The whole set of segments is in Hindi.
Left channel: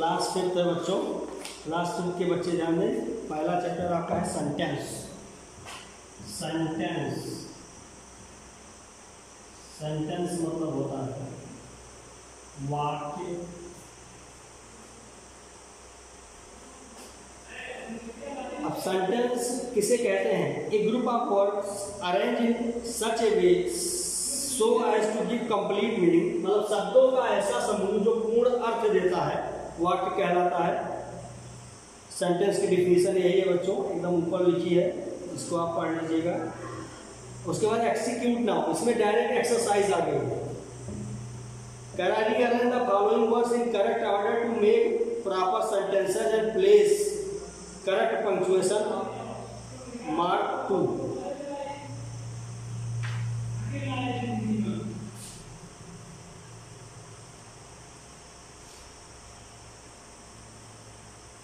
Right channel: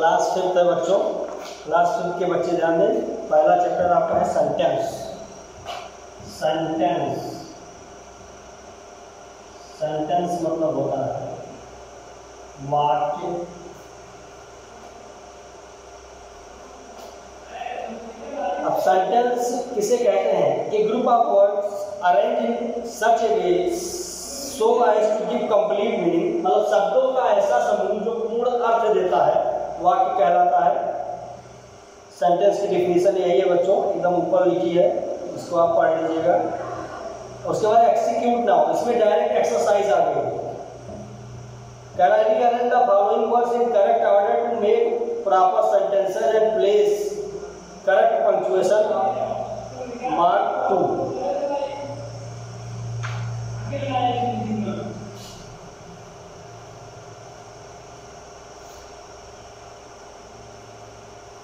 क्लास 5th है बच्चों। क्लास 5th के बच्चे ध्यान दें। पहला चैप्टर आपका है सेंटेंस। सेंटेंस सेंटेंस मतलब होता है वाक्य। अब सेंटेंस किसे कहते हैं? A group of words arrange in such a way so as to give complete meaning, मतलब शब्दों का ऐसा समूह जो पूर्ण अर्थ देता है, वाक्य कहलाता है। सेंटेंस की डिफिनीशन यही है बच्चों, एकदम ऊपर लिखी है, इसको आप पढ़ लीजिएगा। उसके बाद एक्सिक्यूट नाउ, इसमें डायरेक्ट एक्सरसाइज आ गई है। Can I rearrange the following words in correct order to make proper sentences and place correct punctuation mark 2।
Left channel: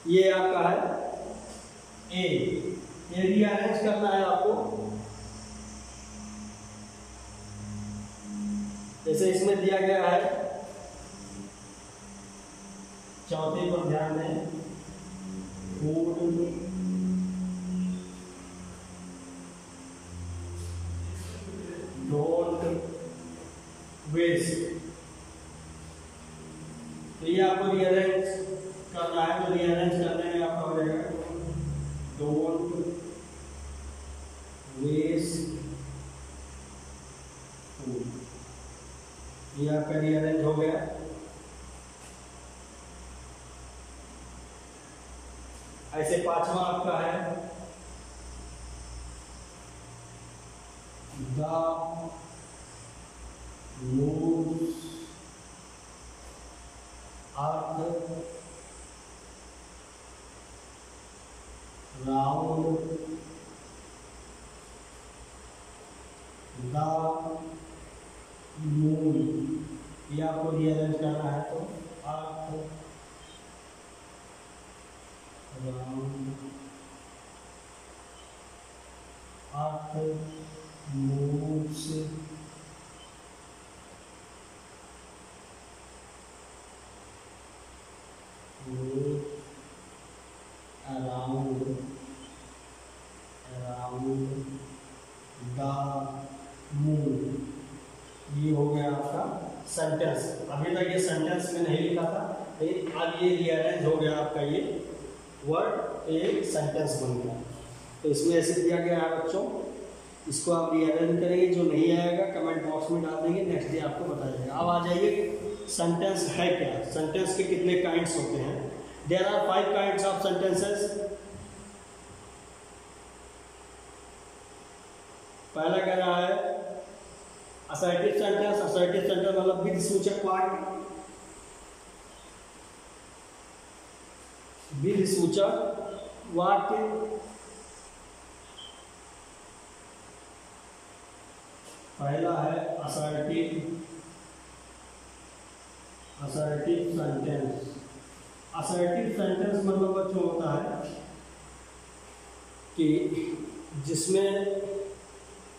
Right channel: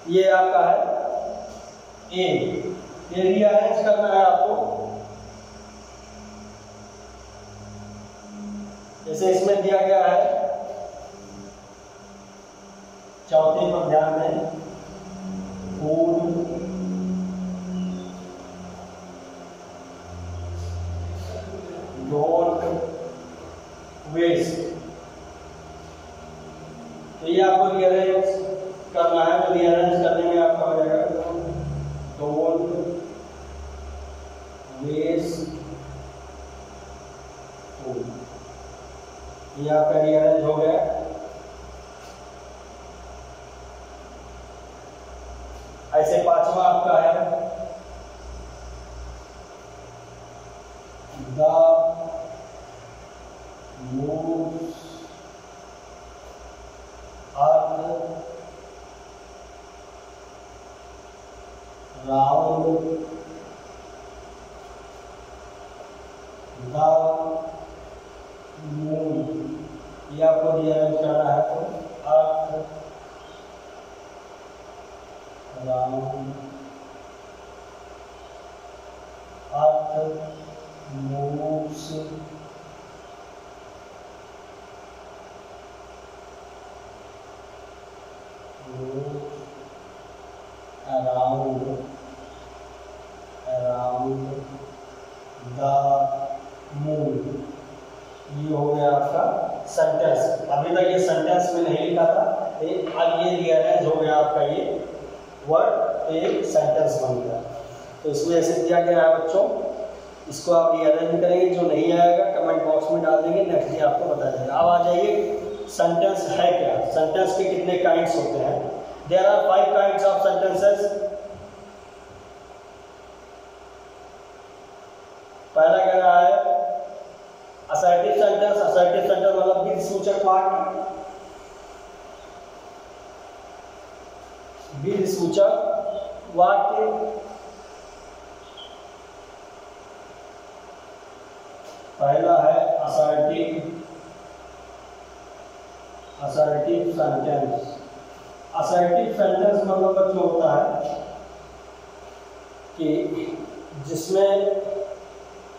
ये आपका है ए, ये रीअरेंज करना है आपको। जैसे इसमें दिया गया है, चौथे पर ध्यान दें, फूड डोंट वेस्ट, तो ये आपको रीअरेंज करना है। तो रीअरेंज करने में आपका हो जाएगा डोंट वेस्ट फूड, ये आपका रीअरेंज हो गया। ऐसे पांचवा आपका है the moves earth round the moon, ये आपको रीअरेंज करना है। तो earth round earth moves around the moon, ये हो गया आपका सेंटेंस। अभी तक ये सेंटेंस में नहीं लिखा था, अब ये रीअरेंज हो गया आपका, ये वर्ड एक सेंटेंस बन गया। तो इसमें ऐसे दिया गया है बच्चों, इसको आप रीअरेंज करेंगे। जो नहीं आएगा कमेंट बॉक्स में डाल देंगे, नेक्स्ट डे आपको बताया जाएगा। अब आ जाइए सेंटेंस है क्या, सेंटेंस के कितने काइंड्स होते हैं। There are 5 kinds of sentences. पहला कह रहा है असर्टिव सेंटेंस। असर्टिव सेंटेंस मतलब विधि सूचक वाक्य, विधि सूचक वाक्य। पहला है असर्टिव सेंटेंस। असर्टिव सेंटेंस मतलब बच्चों होता है कि जिसमें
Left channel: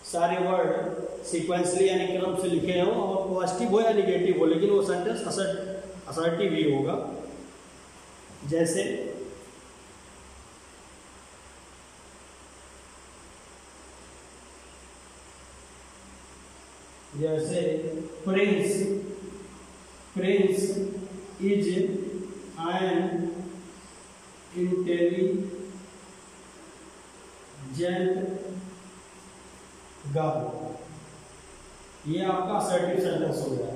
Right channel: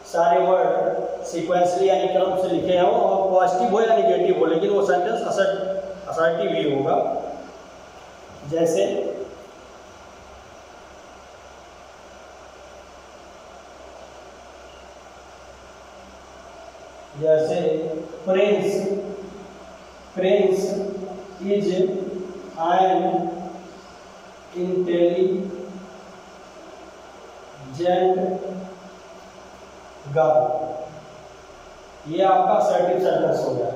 सारे वर्ड सीक्वेंसली यानी क्रम से लिखे हों और पॉजिटिव हो या निगेटिव हो, लेकिन वो सेंटेंस असर्टिव ही होगा। जैसे Prince is an intelligent girl, ये आपका असर्टिव सेंटेंस हो गया।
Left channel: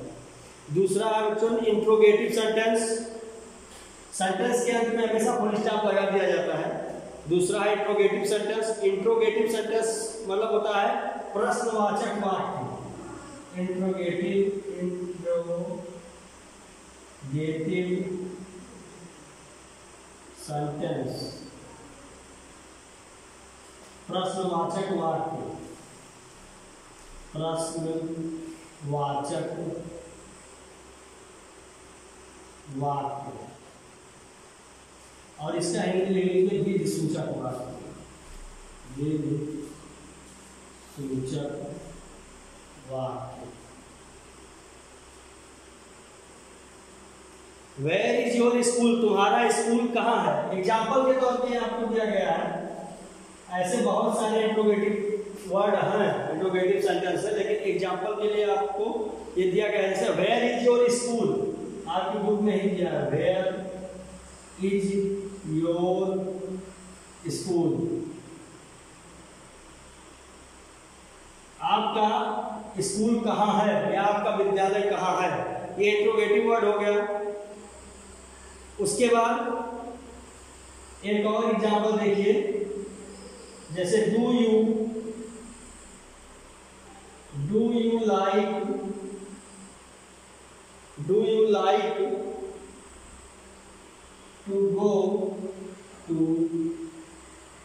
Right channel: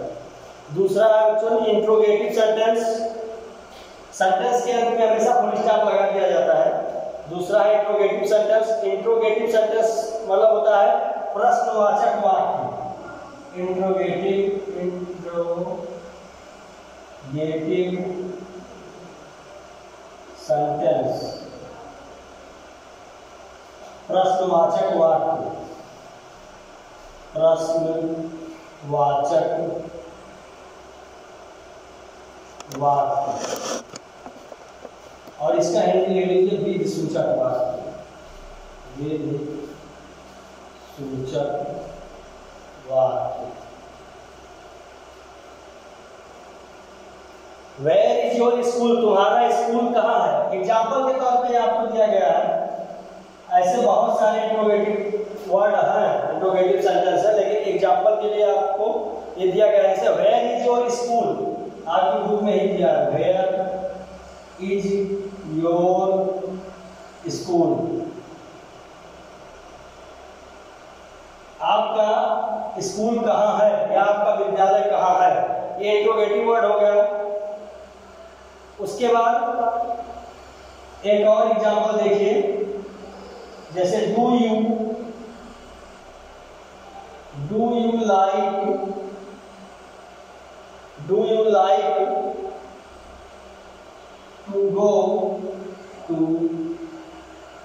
दूसरा है बच्चों इंट्रोगेटिव सेंटेंस। सेंटेंस के अंत में हमेशा फुल स्टॉप लगा दिया जाता है। दूसरा है इंट्रोगेटिव सेंटेंस। इंट्रोगेटिव सेंटेंस मतलब होता है प्रश्नवाचक वाक्य। इंट्रोगेटिव सेंटेंस, प्रश्नवाचक वाक्य, प्रश्नवाचक वाक्य। और इसका हिंदी ले लीजिए विधि सूचक वाक्य, विधि सूचक वाक्य। वेयर इज योर स्कूल, तुम्हारा स्कूल कहाँ है। एग्जाम्पल के तौर पे आपको दिया गया है। ऐसे बहुत सारे इंट्रोगेटिव वर्ड हैं, इंट्रोगेटिव सेंटेंस है, लेकिन एग्जाम्पल के लिए आपको ये दिया गया है। जैसे वेयर इज योर स्कूल, आपकी बुक में ही दिया है, वेयर इज योर स्कूल। आपका स्कूल कहाँ है या आपका विद्यालय कहाँ है, ये इंट्रोगेटिव वर्ड हो गया। उसके बाद एक और एग्जांपल देखिए, जैसे do you like to go to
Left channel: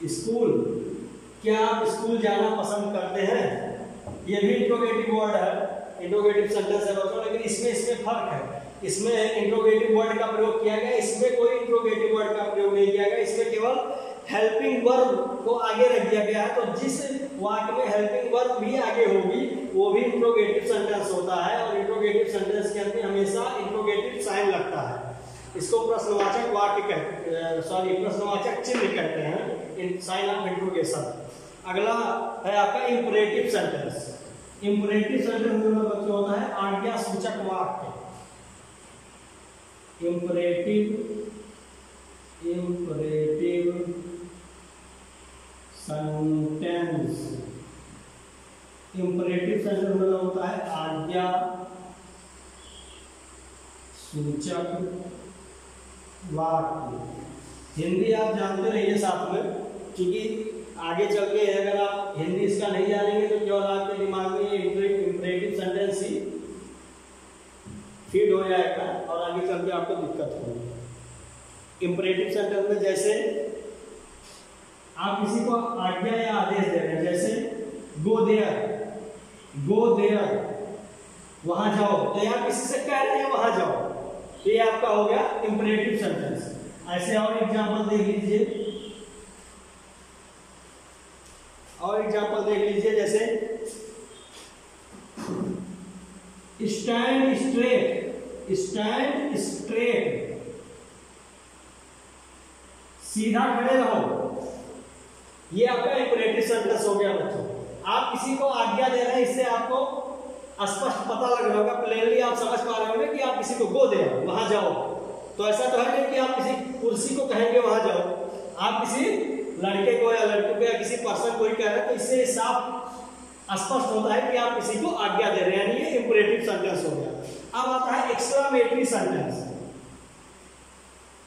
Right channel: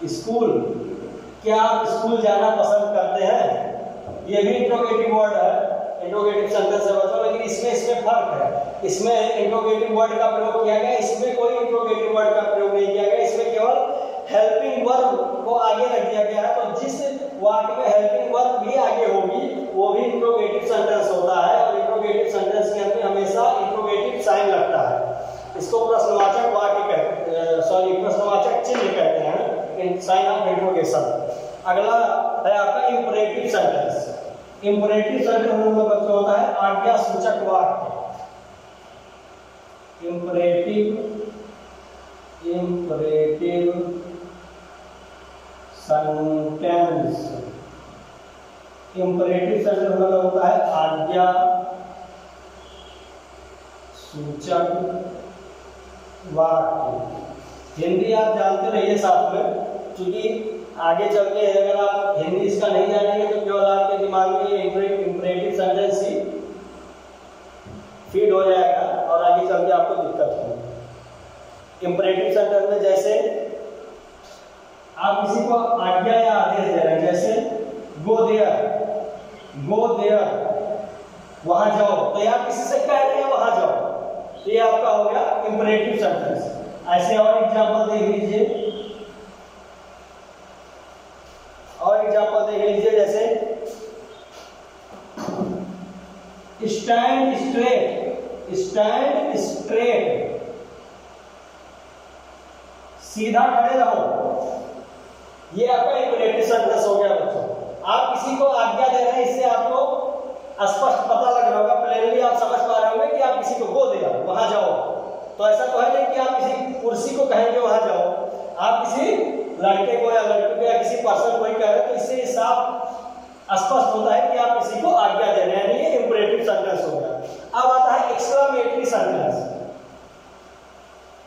school, क्या आप स्कूल जाना पसंद करते हैं। ये भी इंट्रोगेटिव वर्ड है, इंट्रोगेटिव सेंटेंस है बच्चों, लेकिन इसमें फर्क है। इसमें इंट्रोगेटिव वर्ड का प्रयोग किया गया, इसमें कोई इंट्रोगेटिव वर्ड का प्रयोग नहीं किया गया। इसमें केवल हेल्पिंग वर्ब को आगे रख दिया गया है। तो जिस वाक्य में हेल्पिंग वर्ब भी आगे होगी वो भी इंट्रोगेटिव सेंटेंस होता है, और इंट्रोगेटिव सेंटेंस के अंत में हमेशा इंट्रोगेटिव साइन लगता है। इसको प्रश्नवाचक वाक्य प्रश्नवाचक चिन्ह कहते हैं, इन साइन ऑफ इंट्रोगेशन। अगला है आपका इंपरेटिव सेंटेंस। इंपरेटिव सेंटेंस मतलब बच्चों होता है आज्ञा सूचक वाक्य। इंपरेटिव सेंटेंस, इंपरेटिव सेंटेंस मतलब होता है आज्ञा सूचक वाक्य। हिंदी आप जानते रहिए साथ में, क्योंकि आगे चल के अगर आप हिंदी इसका नहीं जानेंगे तो केवल आपके दिमाग में ये इंपरेटिव सेंटेंस ही फीड हो जाएगा और आगे चल के आपको दिक्कत होगी। इंपरेटिव सेंटेंस में जैसे आप किसी को आज्ञा या आदेश दे रहे हैं, जैसे गो देयर, वहां जाओ, तो यहाँ किसी से कह रहे हैं वहां जाओ, ये आपका हो गया इंपरेटिव सेंटेंस। ऐसे और एग्जांपल देख लीजिए, जैसे स्टैंड स्ट्रेट, सीधा खड़े रहो, ये आपका इंपरेटिव सेंटेंस हो गया बच्चों। आप किसी को आज्ञा दे रहे हैं, इससे आपको स्पष्ट पता लग रहा होगा, प्लेनली आप समझ पा रहे होंगे कि आप किसी को गो दे रहे हो, वहां जाओ। तो ऐसा तो है नहीं कि आप किसी कुर्सी को कहेंगे वहां जाओ, आप किसी लड़के को या लड़की को या किसी पर्सन को ही कह रहे हैं, तो इससे साफ स्पष्ट होता है कि आप किसी को आज्ञा दे रहे हैं, यानी ये इंपरेटिव सेंटेंस हो गया। अब आता है एक्सक्लामेटरी सेंटेंस।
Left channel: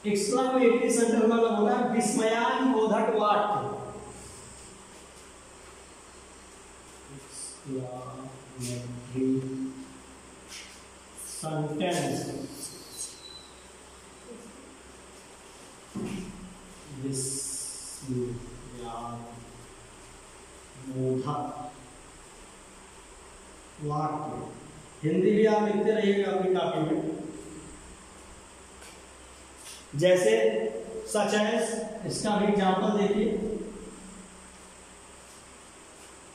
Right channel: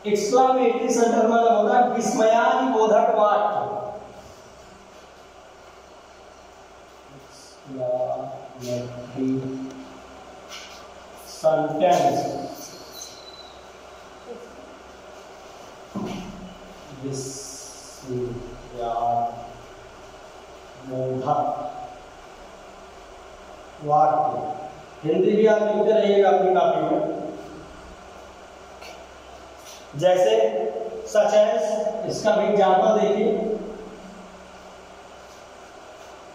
एक्सक्लामेटरी सेंटेंस मतलब होता है विस्मयादिबोधक वाक्य। सेंटेंस बोधक वाक्य। हिंदी भी आप लिखते रहिएगा अपनी कॉपी में। जैसे सच एज, इसका भी एग्जांपल देखिए,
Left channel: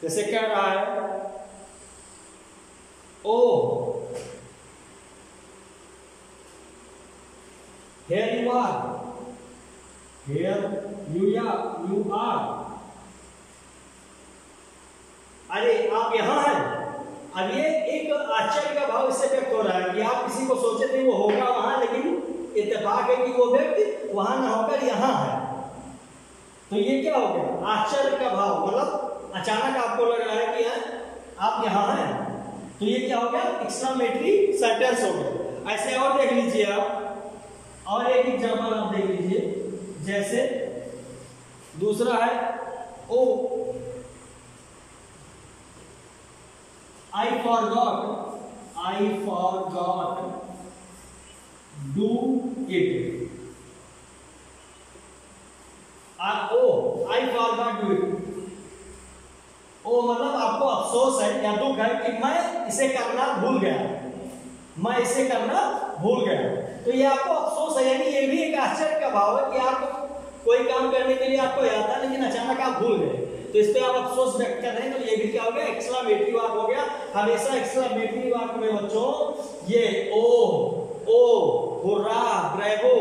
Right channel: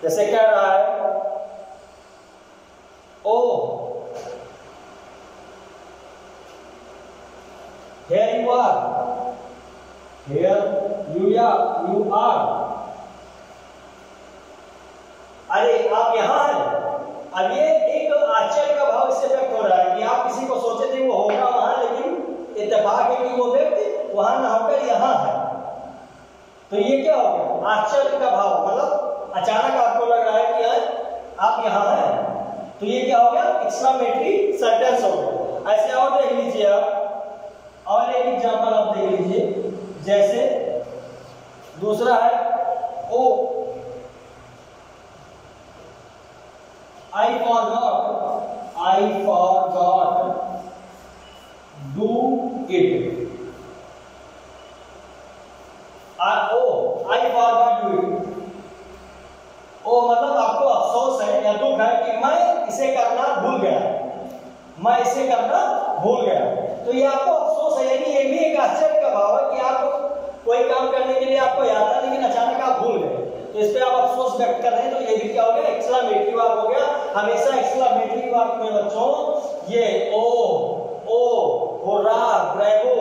जैसे कह रहा है oh here you are, here you are, अरे आप यहां हैं। अब ये एक आश्चर्य का भाव इससे व्यक्त हो रहा है कि आप किसी को सोचे थे वो होगा वहां, लेकिन इत्तेफाक है कि वो व्यक्ति वहां ना होकर यहां है। तो ये क्या हो गया, आश्चर्य का भाव, मतलब अचानक आपको लग रहा है कि आप यहां हैं, तो ये क्या हो गया, एक्सक्लामेटरी सेंटेंस हो गया। ऐसे और देख लीजिए आप, और एक एग्जांपल आप देख लीजिए, जैसे दूसरा है ओ I forgot do it. I forgot do it. ओ मतलब आपको अफसोस है या दुख है कि मैं इसे करना भूल गया, मैं इसे करना भूल गया। तो ये आपको अफसोस है, यानी ये भी एक आश्चर्य का भाव है कि आप कोई काम करने के लिए आपको याद था लेकिन अचानक आप भूल गए, तो इस पे आप अफसोस व्यक्त कर रहे हैं। तो ये भी क्या हो गया, एक्सक्लामेटरी वाक्य हो गया। हमेशा एक्सक्लामेटरी वाक्य में बच्चों ये ओ होरा, ब्रेवो,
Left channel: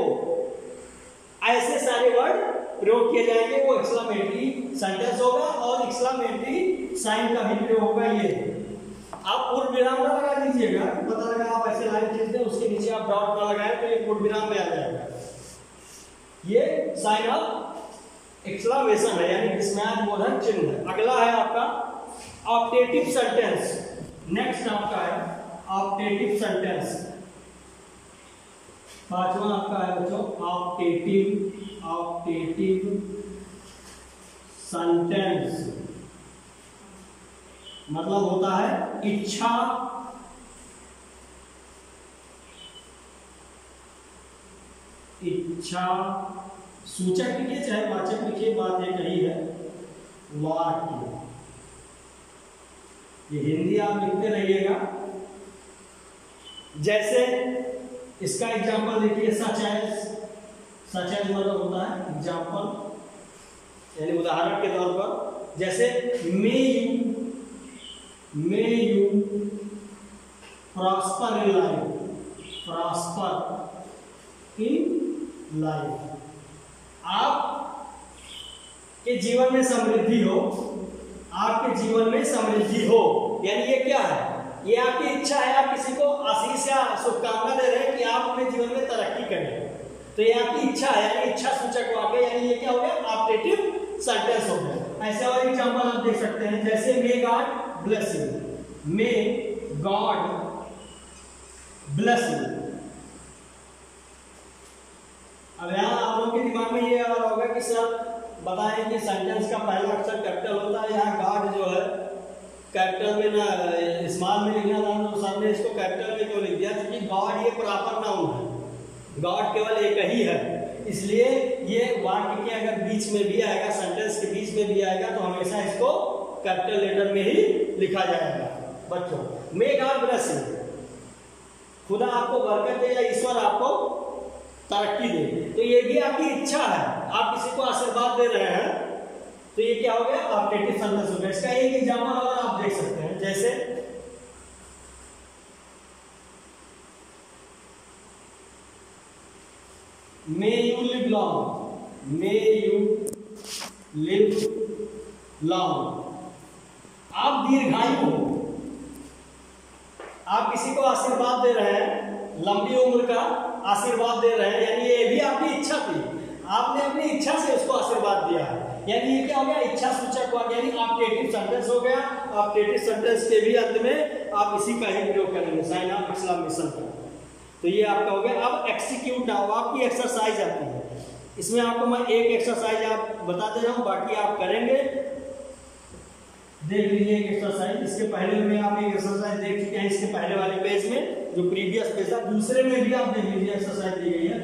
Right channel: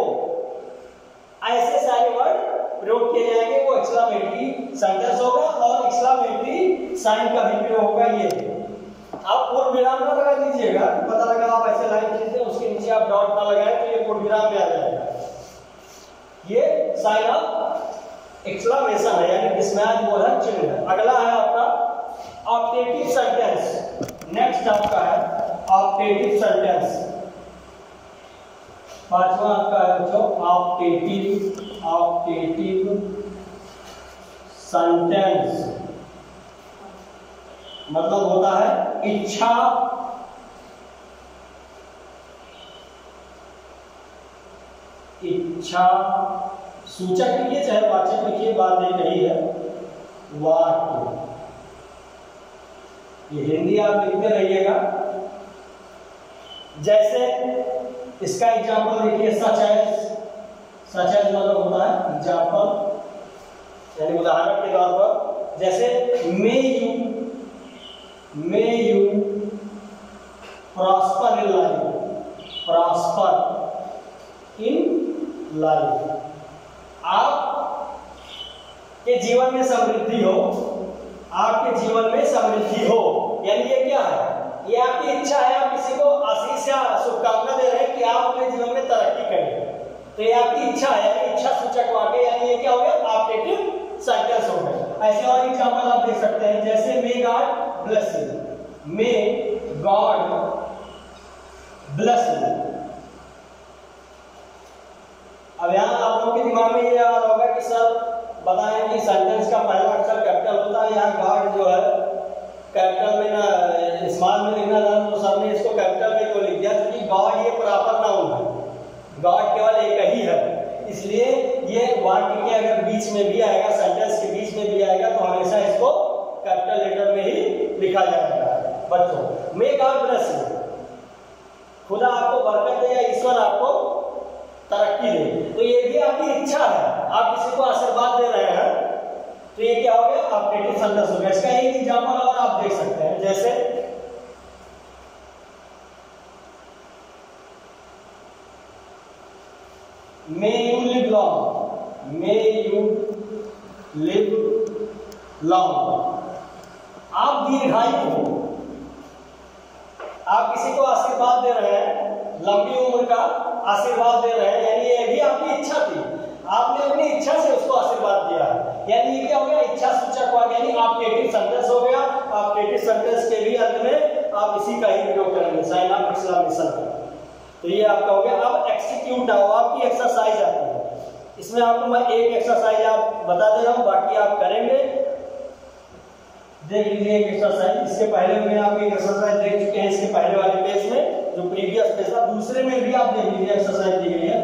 ऐसे सारे वर्ड प्रयोग किए जाएंगे, वो एक्सक्लेमेटरी सेंटेंस होगा और एक्सक्लेमेटरी साइन का भी प्रयोग होगा। ये आप पूर्ण विराम ना लगा दीजिएगा, पता लगा आप ऐसे लाइन खींचते हैं उसके नीचे आप डॉट ना लगाए तो ये पूर्ण विराम में आ जाएगा। ये साइन ऑफ एक्सक्लेमेशन है, यानी विस्मयादिबोधक चिन्ह है। अगला है आपका ऑप्टेटिव सेंटेंस। नेक्स्ट आपका है ऑप्टेटिव सेंटेंस। पांचवा आपका है बच्चों ऑप्टेटिव सेंटेंस, मतलब होता है इच्छा सूचक लिखिए चाहे वाचक लिखिए, बात एक यही है। वाक्य, ये हिंदी आप लिखते रहिएगा। जैसे इसका एग्जाम्पल देखिए, सच एज मतलब होता है एग्जाम्पल, यानी उदाहरण के तौर पर। जैसे may you prosper in life, आप के जीवन में समृद्धि हो, आपके जीवन में समृद्धि हो। यानी ये क्या है, ये आपकी इच्छा है, आप किसी को आशीष या शुभकामना दे रहे हैं कि आप अपने जीवन में तरक्की करें, तो ये आपकी इच्छा है, इच्छा सूचक वाक्य, यानी ये क्या हो गया ऑप्टेटिव सेंटेंस हो गया। ऐसे और एग्जांपल आप देख सकते हैं, जैसे may God bless you, may God bless you. अब यहाँ आप लोगों के दिमाग में ये आ रहा होगा कि सर बताएं कि सेंटेंस का पहला अक्षर कैपिटल होता है, यहाँ गॉड जो है कैपिटल में ना स्मॉल में लिखना था, तो सर ने इसको कैपिटल में क्यों लिख दिया? क्योंकि गॉड ये प्रॉपर नाउन है, गॉड केवल एक ही है, इसलिए ये वाक्य के अगर बीच में भी आएगा, सेंटेंस के बीच में भी आएगा, तो हमेशा इसको कैपिटल लेटर में ही लिखा जाएगा। बच्चों मे गॉड ब्लेस यू, खुदा आपको बरकत दे या ईश्वर आपको तरक्की दे, तो ये भी आपकी इच्छा है, आप किसी को आशीर्वाद दे रहे हैं, तो ये क्या हो गया ऑप्टेटिव सेंटेंस हो गया। इसका एक एग्जांपल और आप देख सकते हैं, जैसे may you live long, may you live long, आप दीर्घायु हो, आप किसी को आशीर्वाद दे रहे हैं, लंबी उम्र का आशीर्वाद दे रहे हैं, यानी ये भी आपकी इच्छा थी, आपने अपनी इच्छा से उसको आशीर्वाद दिया है, यानी ये क्या हो गया इच्छा सूचक वाक्य, यानी ऑप्टेटिव सेंटेंस हो गया। ऑप्टेटिव सेंटेंस के भी अंत में आप इसी का ही प्रयोग करेंगे, साइन ऑफ एक्सक्लेमेशन का। तो ये आपका हो गया। अब एक्सीक्यूट आओ, आपकी एक्सरसाइज आती है, इसमें आपको मैं एक एक्सरसाइज आप बता दे रहा हूं, बाकी आप करेंगे। देख लीजिए एक एक्सरसाइज, इसके पहले में आप एक एक्सरसाइज देख चुके हैं, इसके पहले वाले पेज में जो प्रीवियस पेज था, दूसरे में भी आप देख लीजिए एक्सरसाइज दी गई है।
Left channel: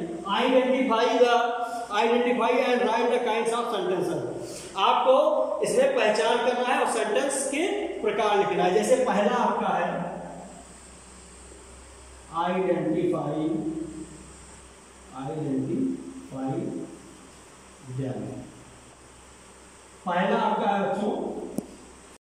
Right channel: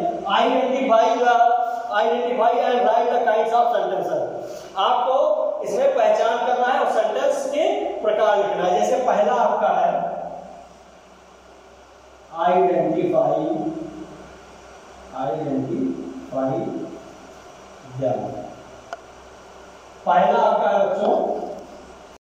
Identify and right the kinds of sentences, आपको इसमें पहचान करना है और सेंटेंस के प्रकार लिखना है। जैसे पहला आपका है आइडेंटिफाई देम, पहला आपका है बच्चों